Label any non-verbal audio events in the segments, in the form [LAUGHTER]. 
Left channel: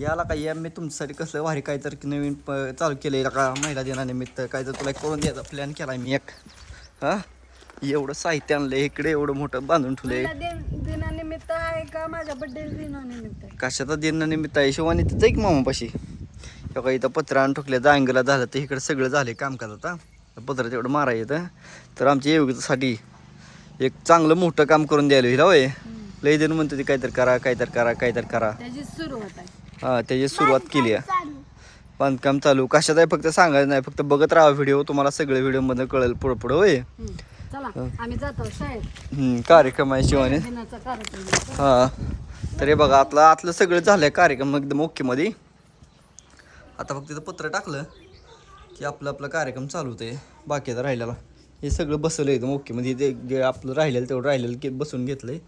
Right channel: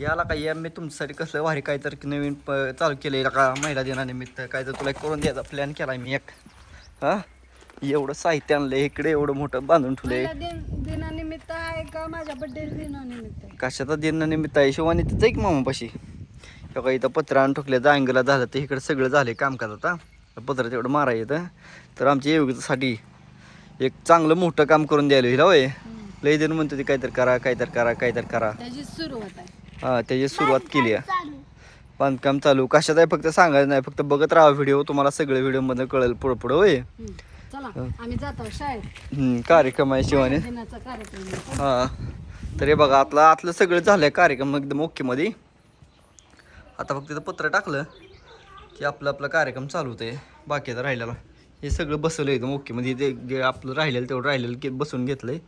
याला काय या मी तुमच्यासाठी कसलं भारी काय तर नवीन प- चालू केलं का महिला दिनानिमित्त? काय तर तुला करून द्यायचा प्लॅन केला मी एक. हा? एवढं साहित्य आणलं इकडे एवढं मोठं बांधून ठेवलंय. दिन- दिनानिमित्त आहे का? माझ्या बड्डे दिनानिमित्त आहे. कशाचा दिनानिमित्त आहे? शिवानी तिथं एक मामापाशी. तेव्हा इथं पत्र आणून ठोकल्या जांगला झालं तर इकडे सगळं झालं कामकाज आता. पत्र तेवढं मारा येतं. तर आमच्या योग्यतेसाठी एक चांगलं मोठं काम करून द्यायला हिला होय. लय जण म्हणतो ते काहीतरी करा काहीतरी करा काहीतरी करा. त्याची सुरुवात आहे. हा त्याची सुरुवात केली आहे. बांधकाम चालू. कशात आहे? फक्त सांगायचं नाही फक्त बघत राहा व्हिडिओ तुम्हाला सगळे व्हिडिओमध्ये कळेल पुढं पुढं होय आम्ही जातो शाळेत. कार्यक्रम आहे शिवाने. आहे. हा तर हे बघा आतलं आतलं सगळं झालंय कार्यक्रम एकदम ओके मध्ये आता फक्त इथं पत्र टाकलं की आपलं आपलं कार्यक्रम चालू होते बाकीचं राहिलेला. हे सगळं बसवलं एकदम ओके मध्ये ते जे आपलं राहिलेलं तेवढं राहिलेलं की बसून घेतलंय.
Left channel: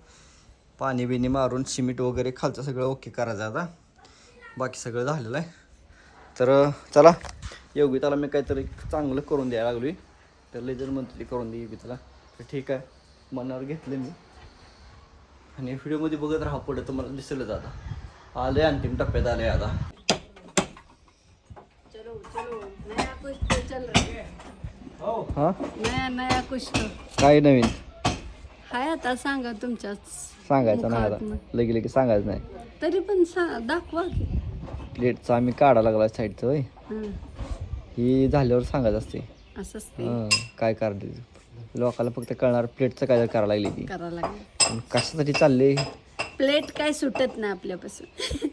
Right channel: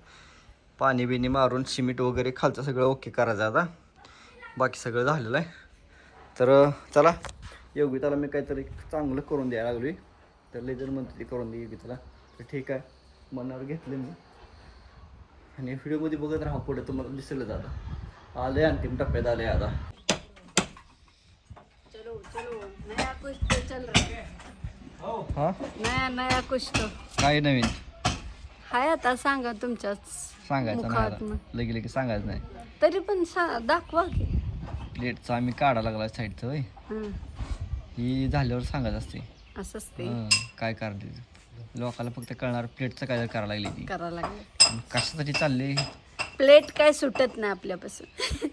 पाणी बिणी मारून सिमेंट वगैरे खालचं सगळं ओके करायचं आता. बाकी सगळं झालेलं आहे. तर चला. योगिताला मी काहीतरी चांगलं करून द्यायला लागलोय. तर लय जण म्हणते करून दे योगिताला तर ठीक आहे. मनावर घेतलं मी. आणि व्हिडिओमध्ये बघत राहा पुढे. तुम्हाला दिसेलच आता आले अंतिम टप्प्यात आले आता. चलो चलो. नया कुछ तो चल रहा है. हा? नया नया कुछ तो काय नवीन? हाय आता सांगा तुमच्याच सांगायचं नाही. आता. लगे लगे सांगायचं नाही. तरी पण दाखवा की. प्लेटचा आम्ही काढा लागला साईडचं होय. हं, ही झाल्यावर सांगायचं असते हं, काय करते लोकाला फक्त कळणार प्लेटचं काय करायला लागली ती. लागले कशासाठी चालले प्लेट काय सुटत नाही आपल्यापासून. [LAUGHS]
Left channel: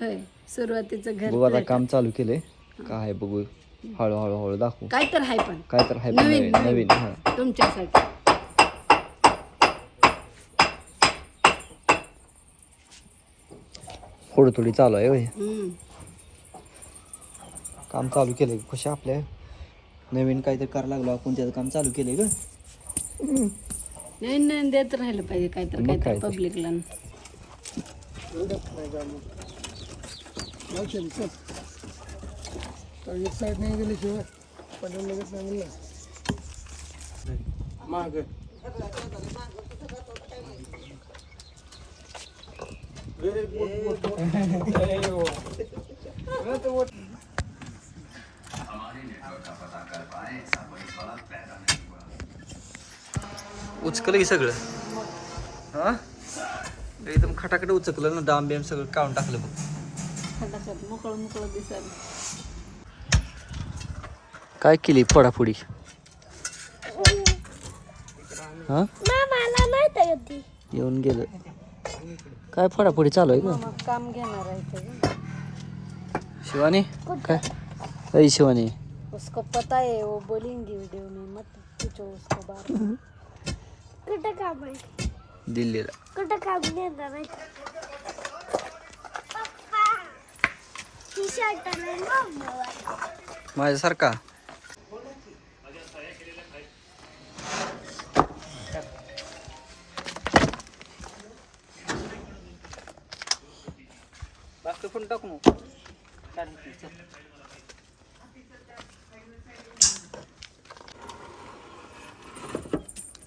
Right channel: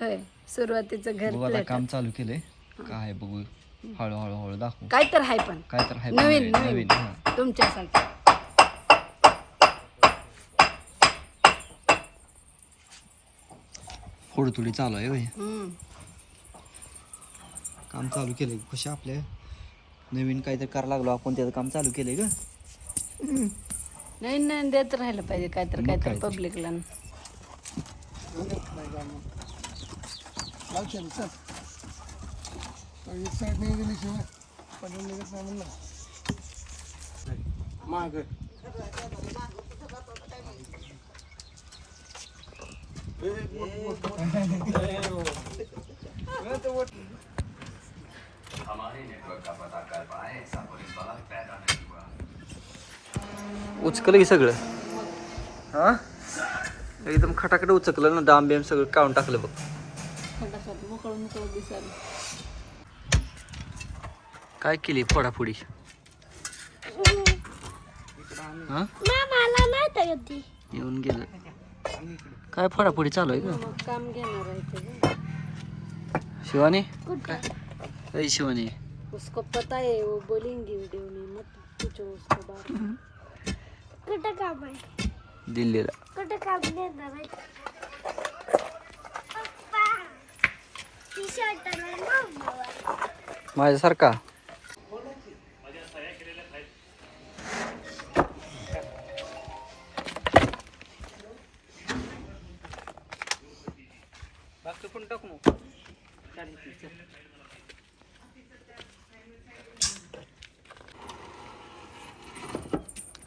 होय सुरुवातीचं घर बघू आता काम चालू केलंय. काय आहे बघू. हळूहळू हळू दाखवू. काय तर आहे पण. काय तर आहे नवीन नवीन. नवीन हा. तुमच्यासाठी. थोडी थोडी चालू आहे होय. हं. काम चालू केलंय. कशा आपल्या. नवीन काहीतरी करायला लागलो आपण त्याचं काम चालू केलंय ग. नवीन नवीन देत राहिलं पाहिजे काय? तर मग काय काय तर. पब्लिकला उचकलं की सगळं? हा एकदम खटाखट उचकलं ना डाम बिम सगळं काढून टाकलं बघ. मोकळं काय केली फोडाफोडी? हा? येऊन गेलं. काय फोडाफोडी चालू आहे का? मग काम घेणार आहे ते शिवानी? काय? शिवानी. उसको पता है वो बोलेंगे वीडियो में मत पूछो उसको बार. कुठं काम आहे? दिल्लीला. कुठं काम नाही आहे? टी शर्ट माझ्यासारखा?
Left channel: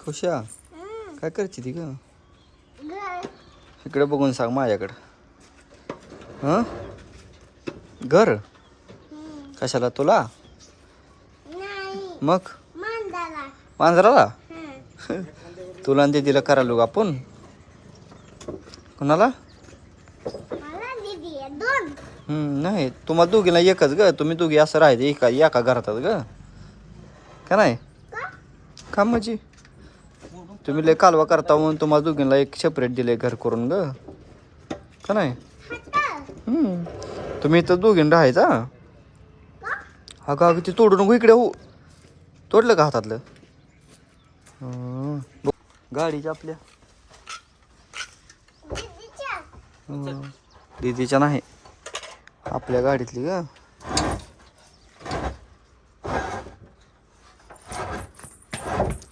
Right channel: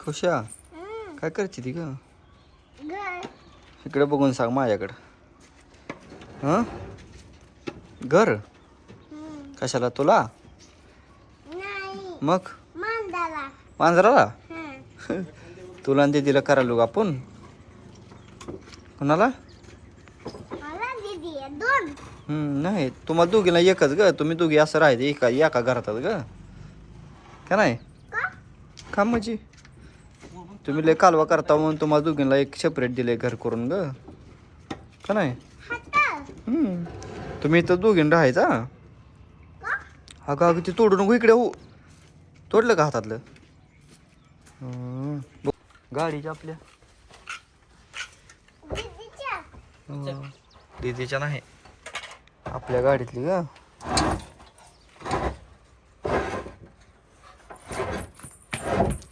खुशा काय करते ती ग? इकडे बघून सांग माझ्याकडं. हं? घर? कशाला तुला? नाही. मग? मांजराला. [LAUGHS] तुला आणि दिदीला करायला आपण? कोणाला मला दिदी आहे दोन हम्म, नाही तुम्हाला दोघीला एकच ग तुम्ही दोघी असं राहायचं एका एका घरातच ग. का नाही? का म्हणजे? तुम्ही लय कालवा करता म्हणून तुम्हाला दोघींना एक सेपरेट दिले घर करून ग. का नाही? हम्म. तुम्ही इथं दोघीन राहायचा अगं अगं ते तोडू नको इकडे हो तोडलं का हातातलं? हं. गाडीच्या आपल्या. हं. दीदीच्या नाही. आपल्या गाडीतली का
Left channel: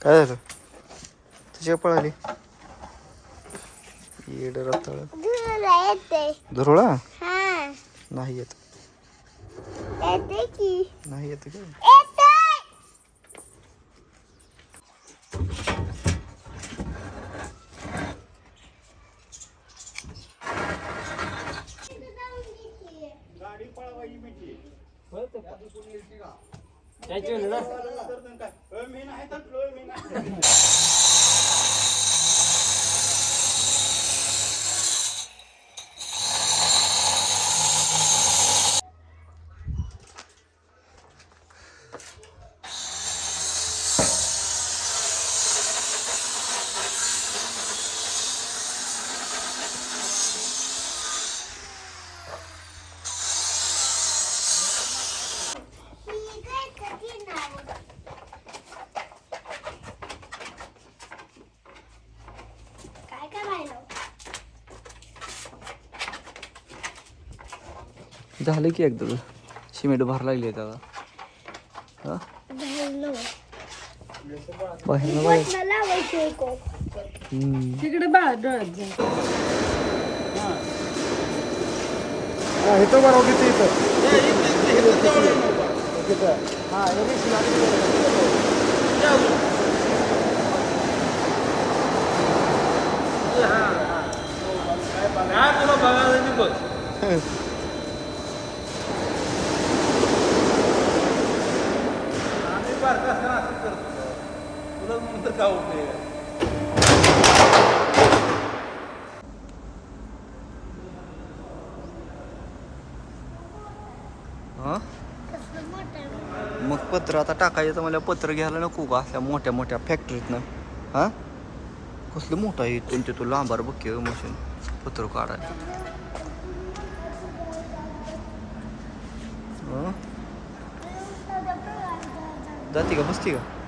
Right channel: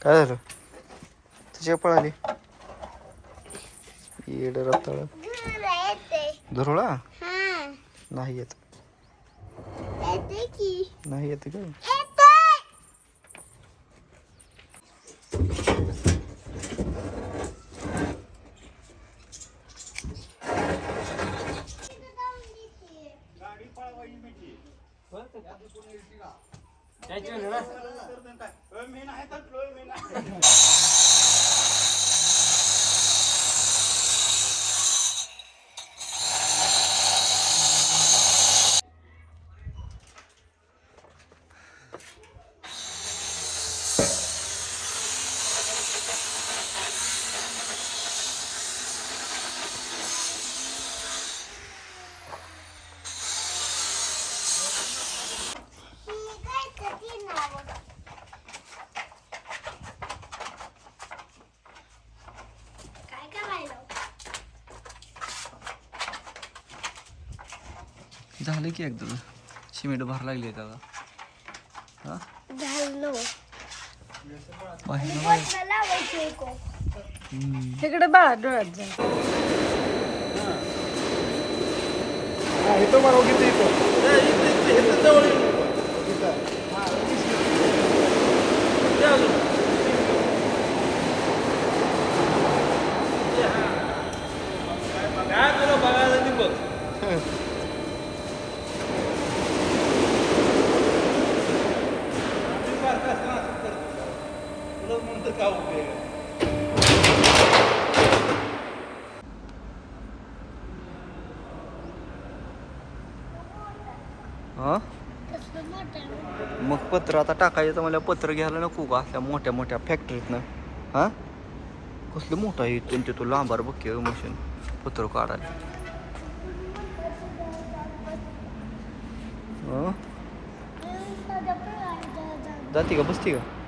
काय झालं? तुझ्या पळाली. येड रताळ. दीदीला नाही येत. नाही येत का नाही येत का येते काय कधी नाव काय करायला झालं की एकदा सिमेंट भर लागली आहे त्याला. हा? तिकडे बाळा डोळ्यात जा हा? मग पत्र आता टाकायचं मला पत्र घ्यायला नको का असल्या मोठ्या मोठ्या फॅक्टरीतनं हा? कसलं मोठं आहे त्यांचे तो लांबार बघ मशीन पत्र काढायला. जाते का? बसते का?